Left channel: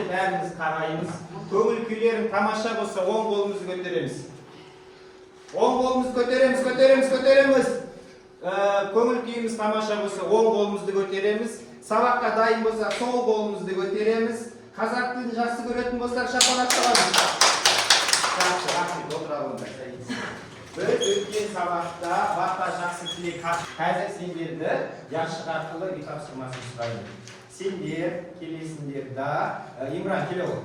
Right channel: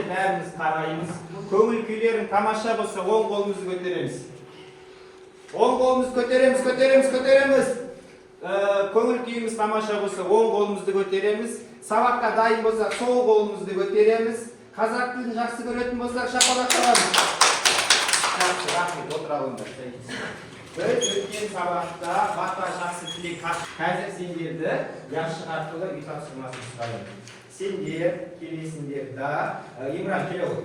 Енді бәріміз қараймыз. Көңіл күйлерің тамаша болса, оң қолымызды көтереміз. Оң қолымызды көтереміз. Көңіл күйіміз тамаша болса, оң қолымызды көтереміз. Сабаққа дайын болсақ, сол қолымызды көтереміз. Қазақ тілін жақсы көретін болсақ, шапалақ çalамыз. Рахмет, отыра алыңдар. Біз өткен сабақта бақта жақсы тілек қазір сендерді яшық арқылы үй тапсырмасын сұраймын. Сендер келесіңдер да Имран келе ғой.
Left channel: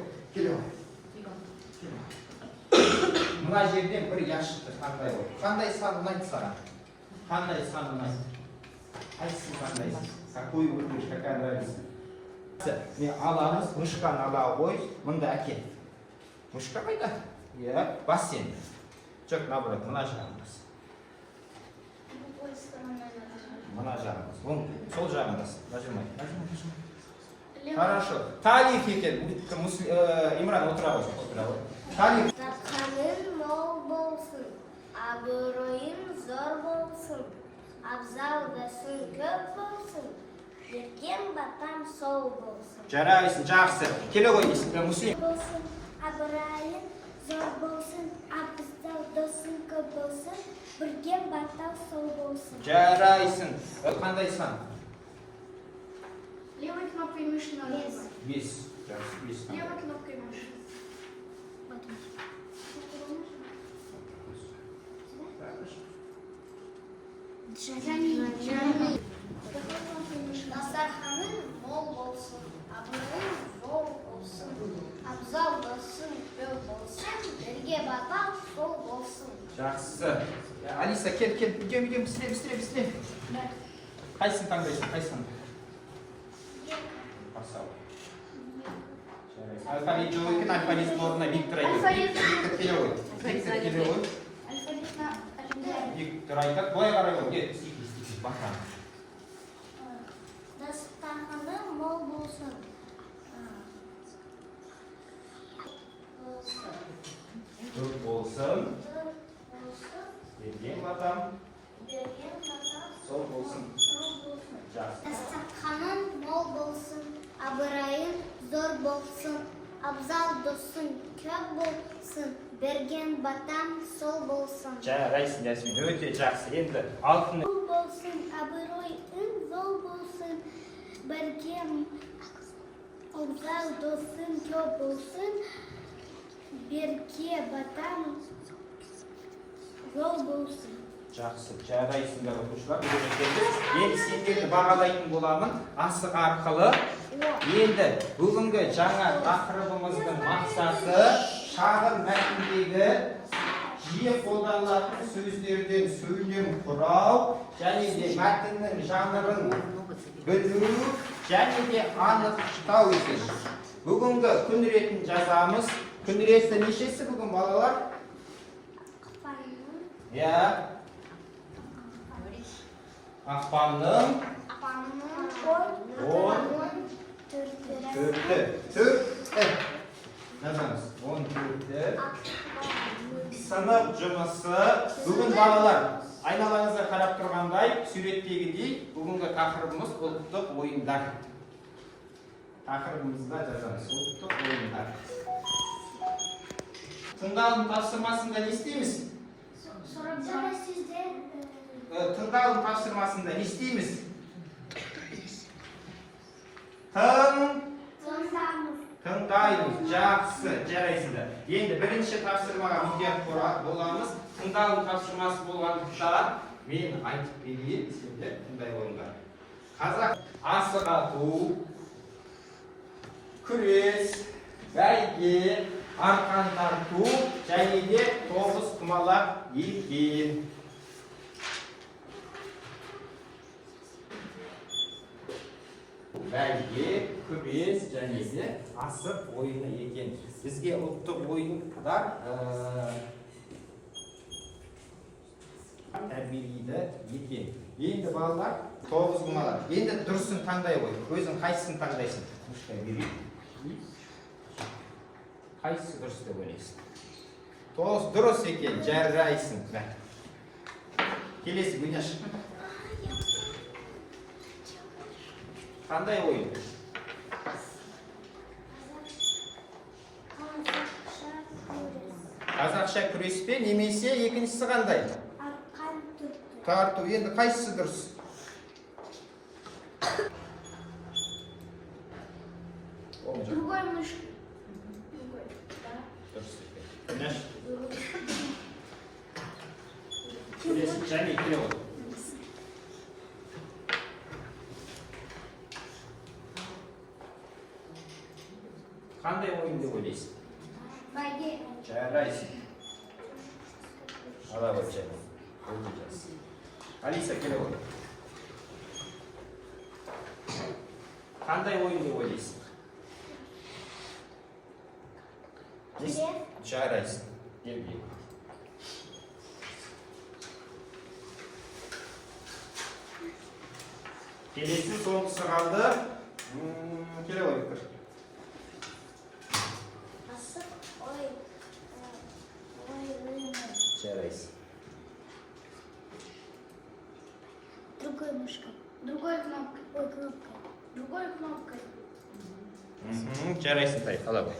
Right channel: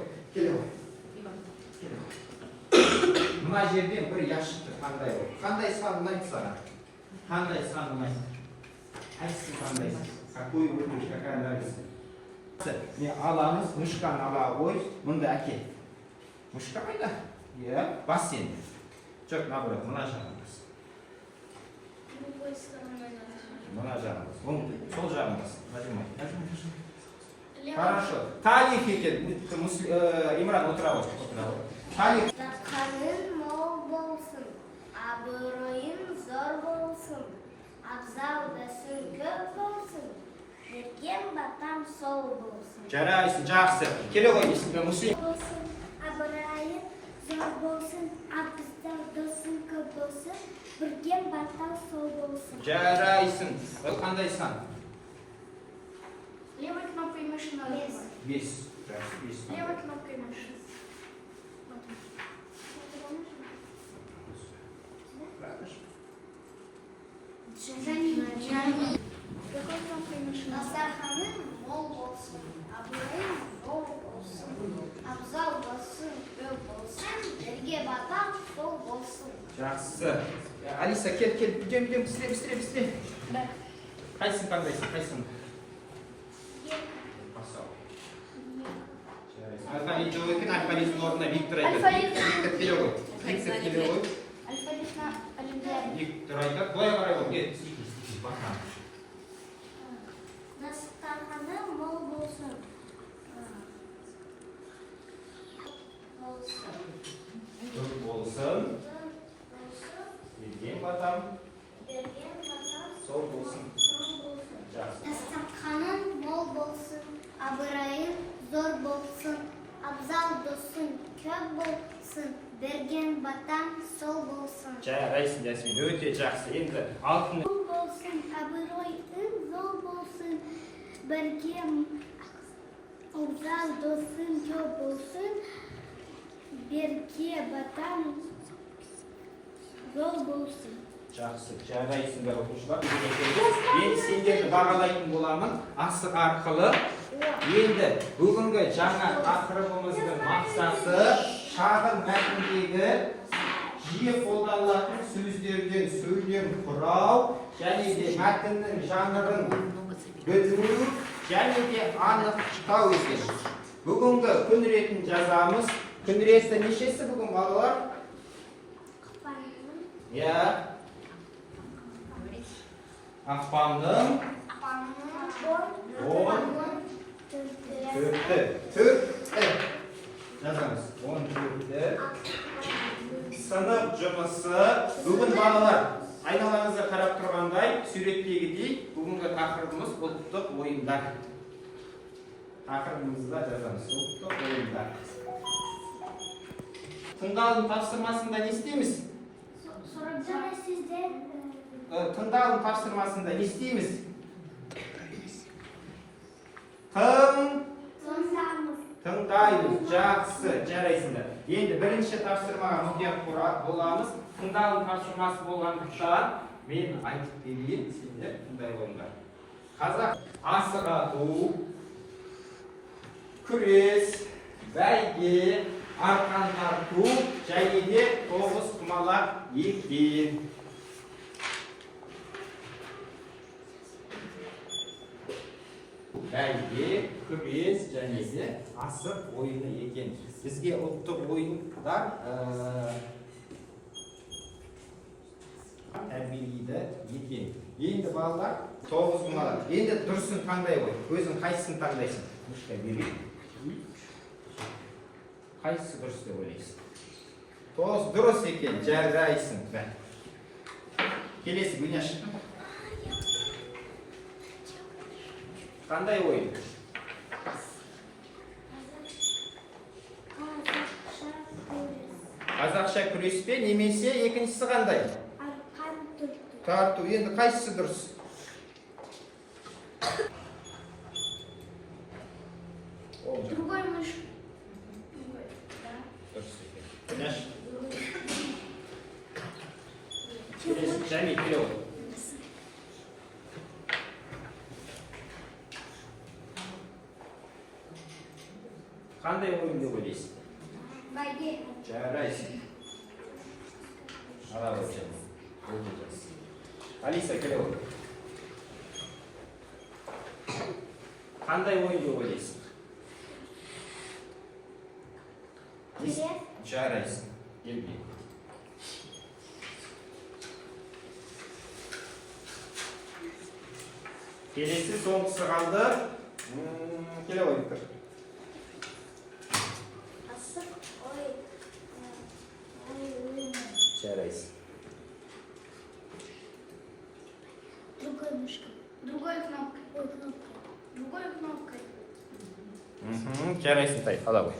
Мына жерден бір яшықты таңдай ғой. Қандай сан ұнайды саған? Қандай сан ұнайды? Қайсысын таңдайсың? Какую выберешь, какая нравится? Не аламыз, мышканы ала қой, мында әкел. Мышка қайда? Бас сен. Жоқ, наоборот, мына жағымыз. Мына жағымыз. Сол жағымыз. Нажимай. Хорошо. Талик екен. Имран, отыра ғой. Талик. Жатқаның мол болсын, абыройың зор болсын, абзалдасың көп болсын, берген батам сол болсын. Жарайсың, жақсы. Келе ғой, Мусей. Абыройың зор болсын, абзалдасың көп болсын, берген батам сол болсын. Жарайсың. Қандай сан? Левой кнопкой мыши на Бес. Жақсы, бес. Левой кнопкой мыши. Дастарханың мол болсын, абыройың зор болсын, абзалдасың көп болсын, берге батам сол болсын. Жақсы. Алиса, кел, үйден, бісіре. Қайсың таңдайсың? Алфавит жоқ екен, алфавиттің орнына Виктор айтады. Виктор келе ғой. Виктор айтады, былай қарай ғой. Баққан. Дастарханың мол болсын. Көп болсын. Берген батам. Сол болсын. Жақсы. Дастарханың мол болсын, абыройың зор болсын, абзал досың көп болсын, берген батам сол болсын. Жарайсың, Ясмин, өте жақсы. Енді алтын Мол болсын, абыройың зор болсын, берген абзал досың көп болсын, берге батам сол болсын. жақсы. Жарайсыңдар оқушылар. Енді сендерді бағалайтын боламын асық арқылы. Енді бүгінгі жаңа тақырыбымыздың мақсаты шағын мәтіндегі жиі қолданылатын сөздерден сөйлем құрау және де мәтіннің жанрын білу және де анықтау екен. Бүгінгі күн ретін жазамыз. Күн реті нешесі бүгін балалар? Ақпанның 14-і. Жазамыз. 14-і. Сынып жұмысы. Бүгін балалар, айналаңызға қарап тұрғандай, суреттегідей, бүгінгі тақырыбымыз ұлттық ойындар. Тақырыбымызда жазамыз. Ұлттық ойындар. Тыңдалым тапсырмасында не істейміз? Тыңдалым тапсырмасында не істейміз? Тыңдаймыз. Жақсы, жарайсыңдар. Енді бірінші тапсырмаға мұқият боламыз. Тыңдалым тапсырмасы болғандықтан мен айтып берейін, сендер тыңдай қойыңдар. Қазақ асық ату, күрес, бәйге, арқан тарту және де тоғызқұмалақ екен. Бәйге, күрес және де асық ойыны екен. Бізге ұлттық ойындар тәрбиелейді екен. Енді балалар тоғызқұмалақ. Енді дұрысын таңдай қой. Өзің қайсысын таңдайсың? Мұштай берейін. Қайсысы дұрыс деп ойлайсың? Тоғыз дұрыс екен, жарайсың. Келесі Гүняш. Қандай ойын? Қазақша күреспе немесе екіншісі қандай? Арқан тұрды. Тарту. Енді қайсысы дұрыс? Другой мыш. Күнәш. Келесі Жәмил келе отыр. Қандай ойын деп ойлайсың? Бәйге. Жарайсың. Ала ғой Жәмил. Алиса келе отыр. Қандай ойын деп ойлайсың? Күрес. Жарайсың. Келбей. Келесі соңғысы қалды. Келе ғой пікір. Асық. Ой. Ой. Жарайсың. Другой мышка. Другой кнопкой. Ой, кнопкой. Другой кнопкой. Жарайсың тай. Ала ғой.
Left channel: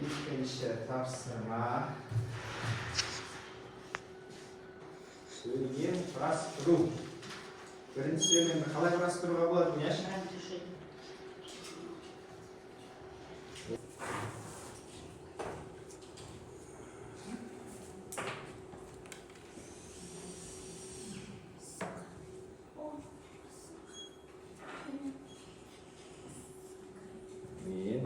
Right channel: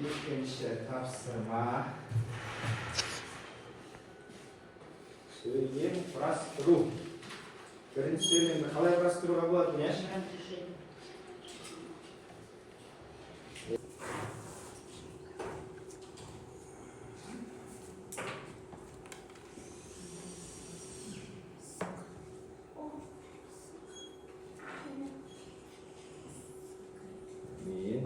İkinci tavsırma. Söyleyeyim, құрастыру. Бірінші сөйлемді қалай құрастыруға болады, Күнәш? Мен.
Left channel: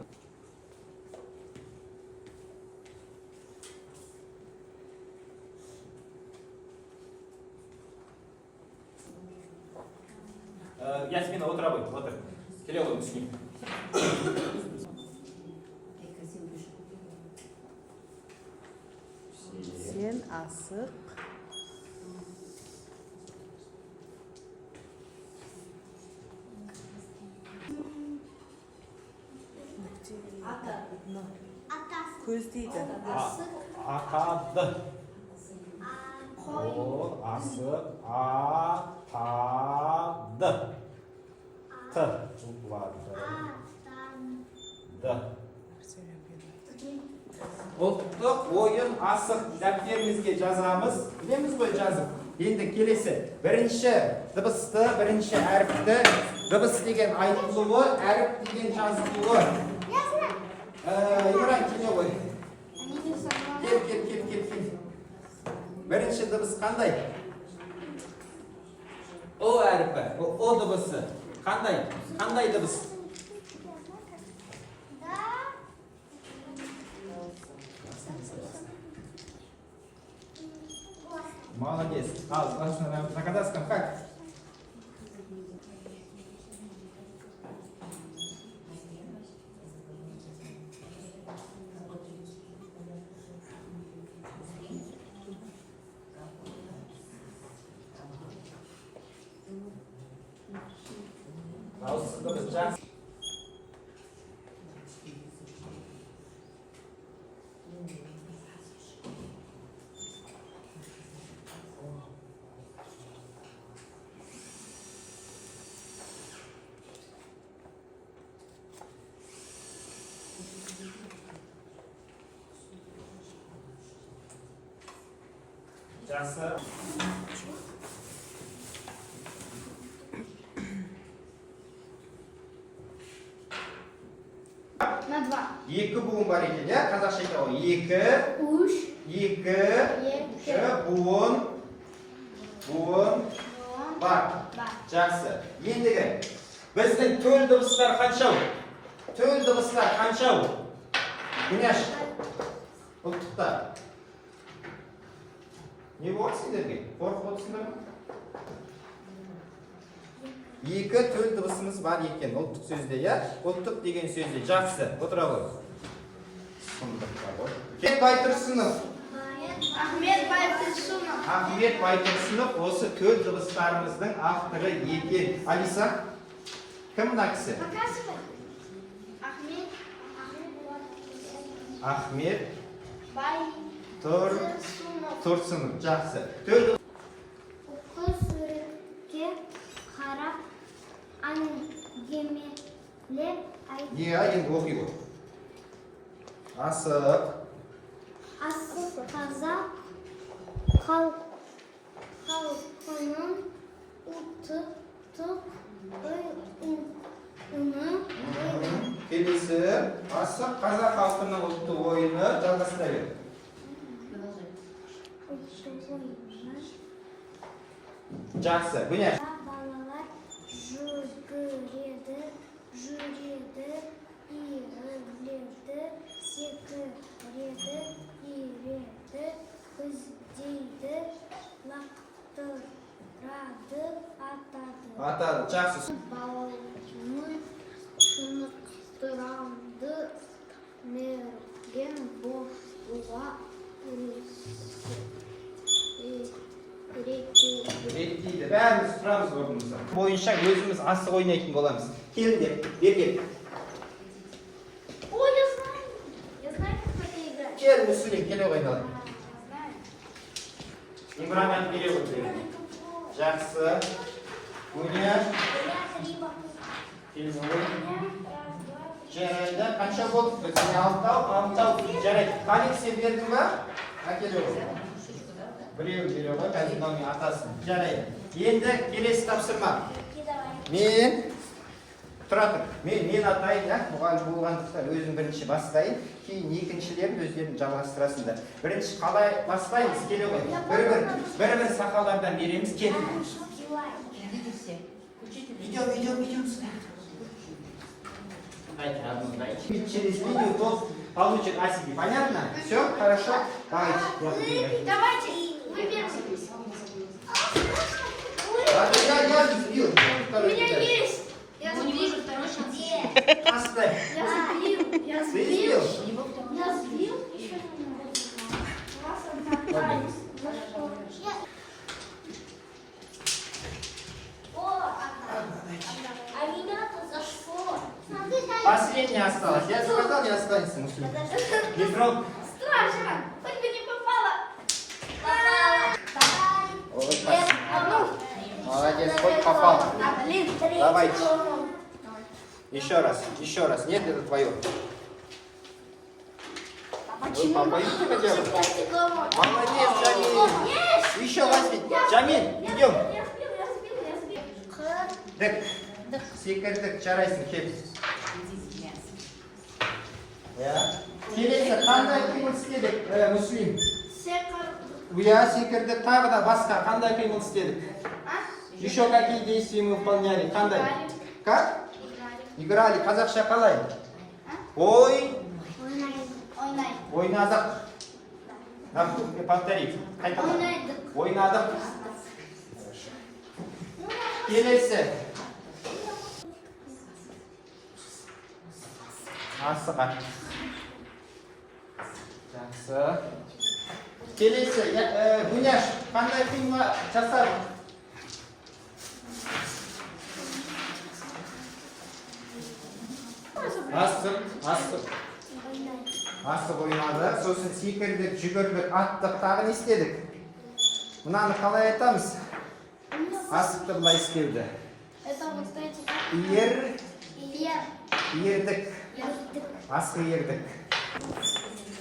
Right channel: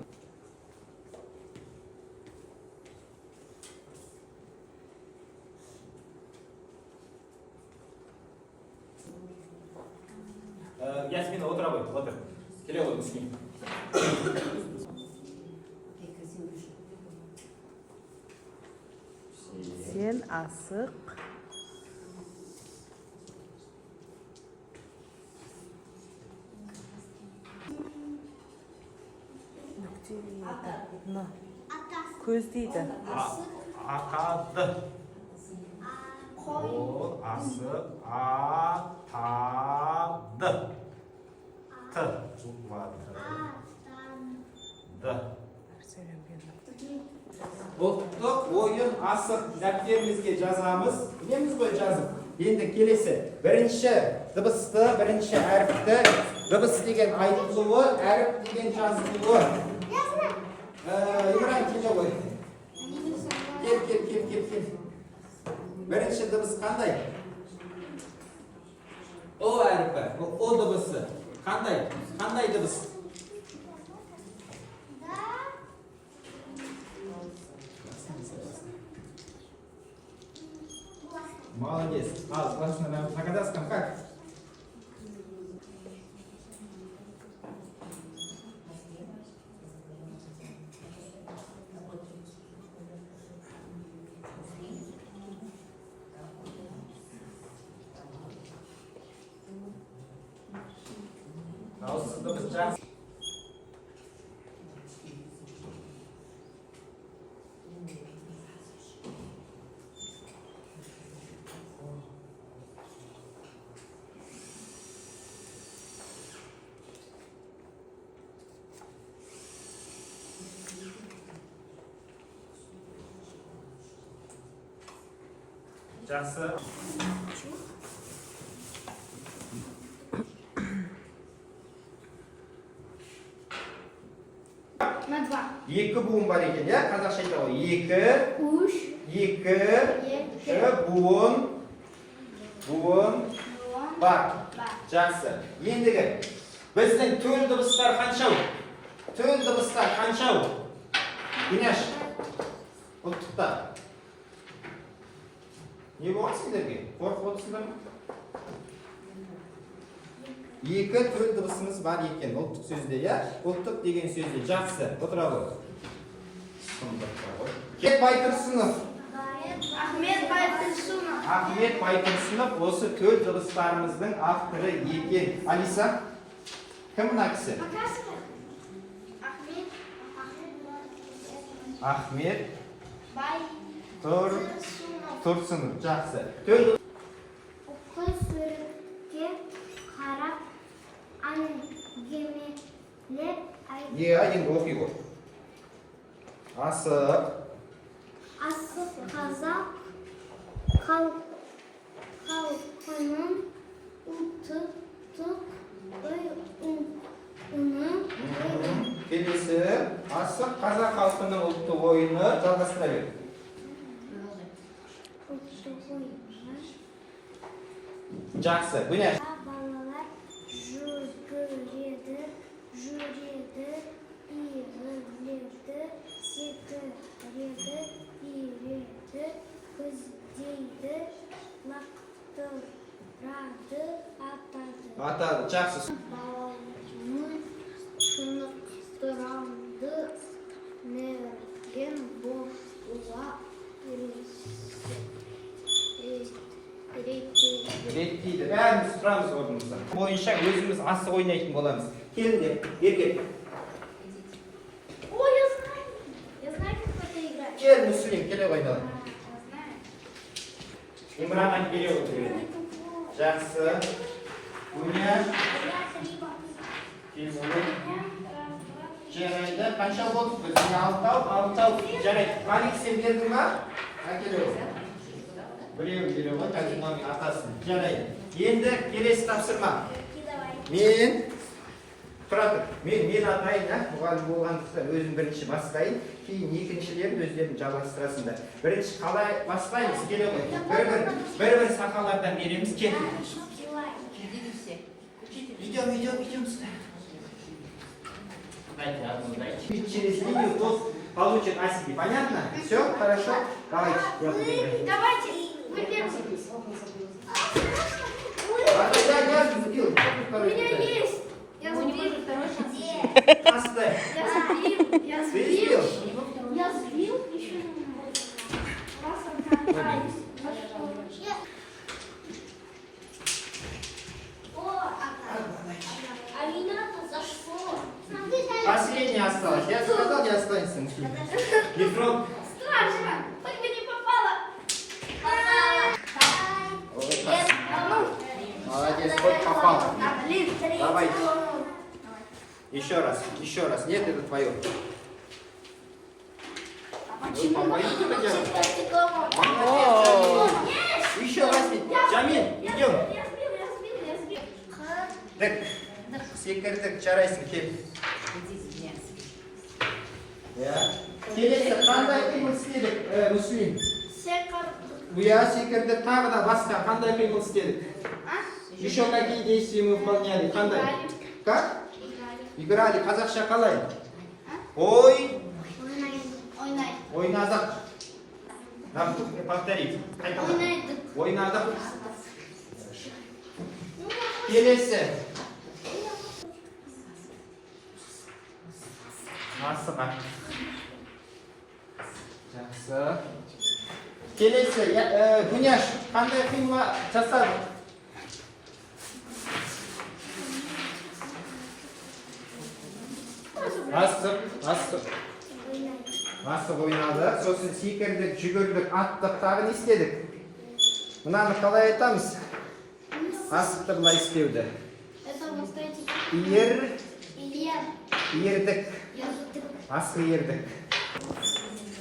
Ясмина, отыра ғой, отыр. Келе ғой, түсіне. Сен асық. Атасы. Көз дейді. Атады. Ол асық атады. Т. Д. Ұлттық ойын асық дәптерімізге жазамыз. Білеміз ғой жазып. Енді келесі. Бірінші дыбысты, бірінші әріпті. Дыбыс деген айтылуы, әріп деген жазылуы. Имран келе ғой. Кел. Бірінші дыбыс қандай? О әріпі, о дыбысы. Қандай дыбыс? Молодец. На казахском как? Жақсы. На два. Екі буын бар екен, иә? Қазақша айтады ғой. Екі буын бар. Жақсы. Ендігі біздің төл дыбыстар қаншау? Күнәш. Ұлттықта. Не болды сендерге? Қорқып отырсыңдар ма? Екі төл дыбысымыз бар екен ұлттық сөзде, я? Ұлттық деген сөзде. Жақсы, отыра ғой. Ахмет Байтұрсынов. Ахмет Байтұрсынов. Ахмет Байтұрсынов осы төл дыбыстарымыздың авторы екен. Алиса, кім мына кісі? Ахмет Байтұрсынов. Жақсы. Оқы суретке қарап әңгімелеп Енді оқи ғой. Асық қазақ халқының ұлттық ойыны. Келесі асық қазақ халқының ұлттық ойыны жалғастыра бер. Жақсы. Бұне. Балалар жүгіреді, иіледі, секіреді, иіреді, көздейді, лақтырады, атады. Жақсы. Балаларының шынықтыранды мерген бошуға Реттейді. Бәріміз тұрамыз орнымызда. Бойынша өзіміз асық ойнайтын боламыз. Келіңдер, берген. Ой, я знаю, как это играть. Кел, Мүслим, келе ойналайын. Имраннан келе отыр. Жақсы. Өнер. Жарайды. Қанша болды? Бізде алтау. Жарайды. Қалик сен бердің ба? Әкеле ғой. Біреу бере ғой, казиноның атасын. Жарайды. Енді келесі тапсырма. Мен тұра тұр. Мен атайын, мұғалім болғандықтан өзім бірінші бастайын. Кейін екіншілерін өздерін жалғастырасыңдар. Бірінші қалай бастаймыз? Келе ғой. Бір сақалардан береміз. Кел. Идем сюда. Через видео тот получит о себе. Понятно? Все? Хорошо? Давайте. Давайте, вы первый. Я сбил. У меня есть. Я сбил. Оставь. Я Ты сбил? Еще немного. А меня-то зашло. Последний осталось. Я сказал, не останется. Леврон. Страшно. Хоть бы не попало. Молодец, хоть попал. Блин, Давайте. Еще раз. Нет, это твое. Молодец. Еще возьми. Джамин, идем. Секірдік, жарайсың, кел. Келесі, қандай қимыл істедік, Мүслим? Секірдік, тағы да басқа, қандай қимыл істедік? Еще какие действия мы выполняли? Қандай? Как? Играли. Қазақша қалай? Ойнадық. Повтори. Ойнадық. Келесі. Асыға. Жақсы. Келесі. Гуняш, қандай қимыл жасадың? Асық ойнады. Сосын секірдік, жүгірдік, аттық, тағы не істедік? Мынаны қалай айтамыз? Асықты бұлай істеуді. Ердік. Асық ердік.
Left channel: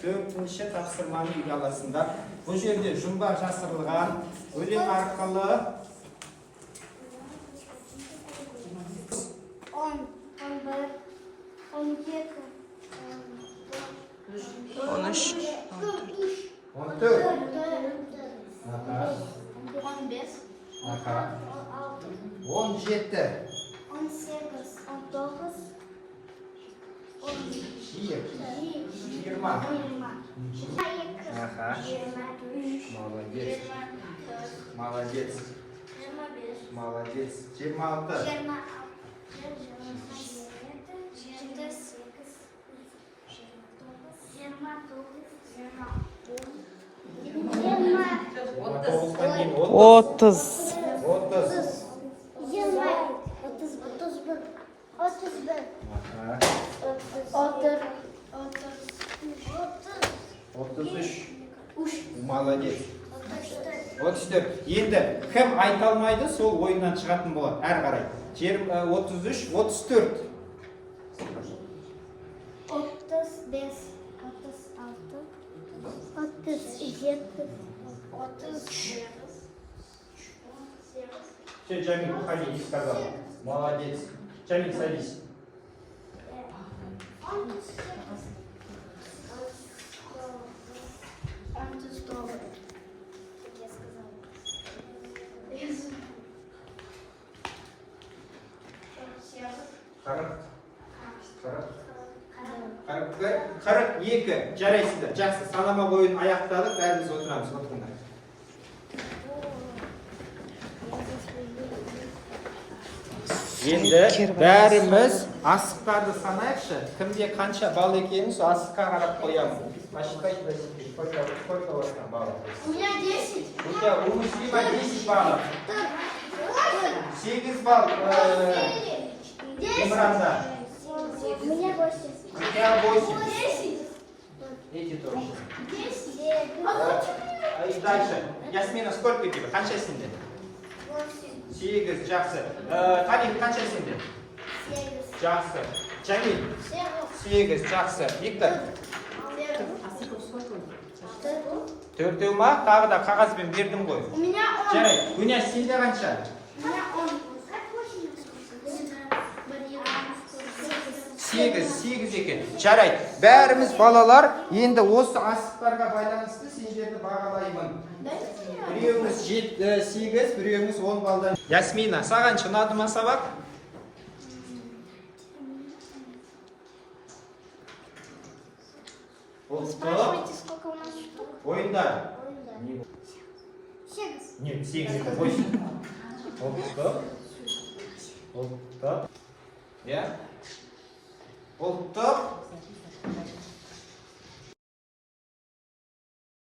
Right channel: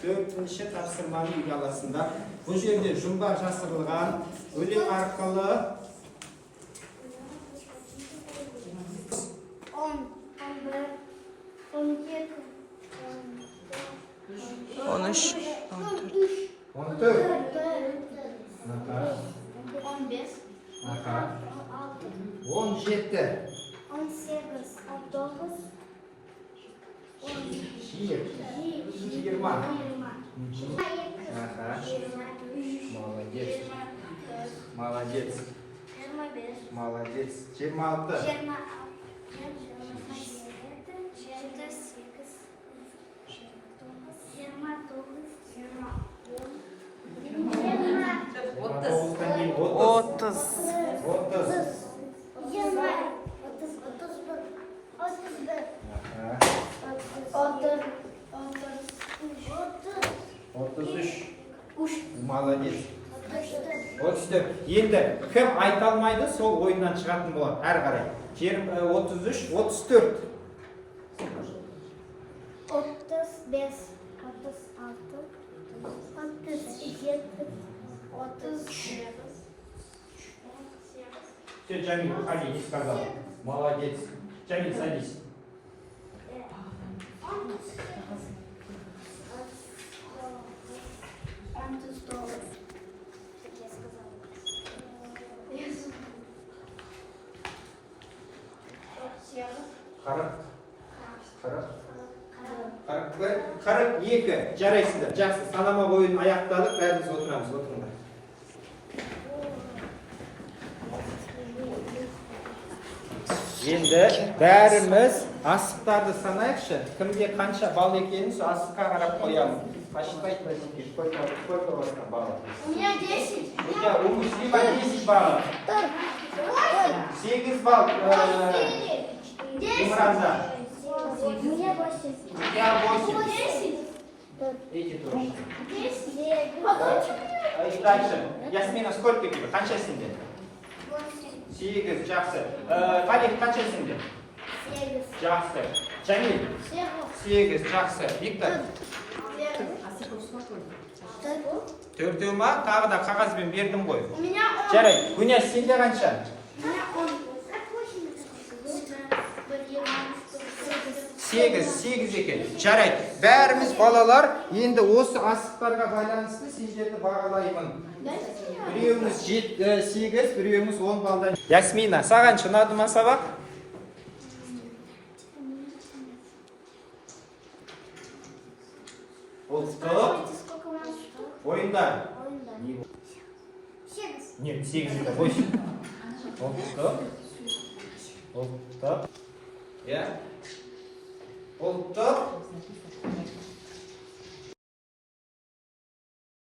Төртінші тапсырманы үйге аласыңдар. Бұл жерде жұмбақ жасырылған өлең арқылы 20. Молодец. Молодец. 26. 30. 33. Молодец. 34. Енді кім айта алмайды, сол ойыннан шығатын болады. Әрі қарай. 33, 34. 35, 36, 37, 38. Все, Джамиль, уходи, не сказал. Молодец. Джамиль, садись. Қырық екі. Жарайсыздар. Жақсы, санама ойын аяқтадық, бәріміз отырамыз. Отырыңдар. Енді бәріміз асықтарды санайықшы. Кімге қанша бал екенін сол асыққа қарап қоямыз. Ашықай, сколько у вас там баллов? У меня 10. У тебя у Муслима 10 баллов. 8 балл. Имранда. У меня 8. У тебя 8. 10. Эти тоже. 10. И дальше. Ясмина, сколько тебе? Қанша сенде? 8. Жақсы. Халил, қанша сенде? 7. Жақсы. Джамиль. 8. Жақсы. Виктор. Төртеу ма? Тағы да қағазбен бердім ғой. У меня 10. Жарайды. Күнәс, сенде қанша? У меня 10. 8 екен. Жарайды. Бәріміз балалар, енді осы асықтарға байланысты сендерді бағалаймын. Біреуіміз 8, біреуіміз 10 балдан. Ясмина, саған ұнады ма сабақ? Спрашивайте, сколько у нас штук? Ойындар. 7. Нет, 8 это 8. Oldu. Ya. Oldu.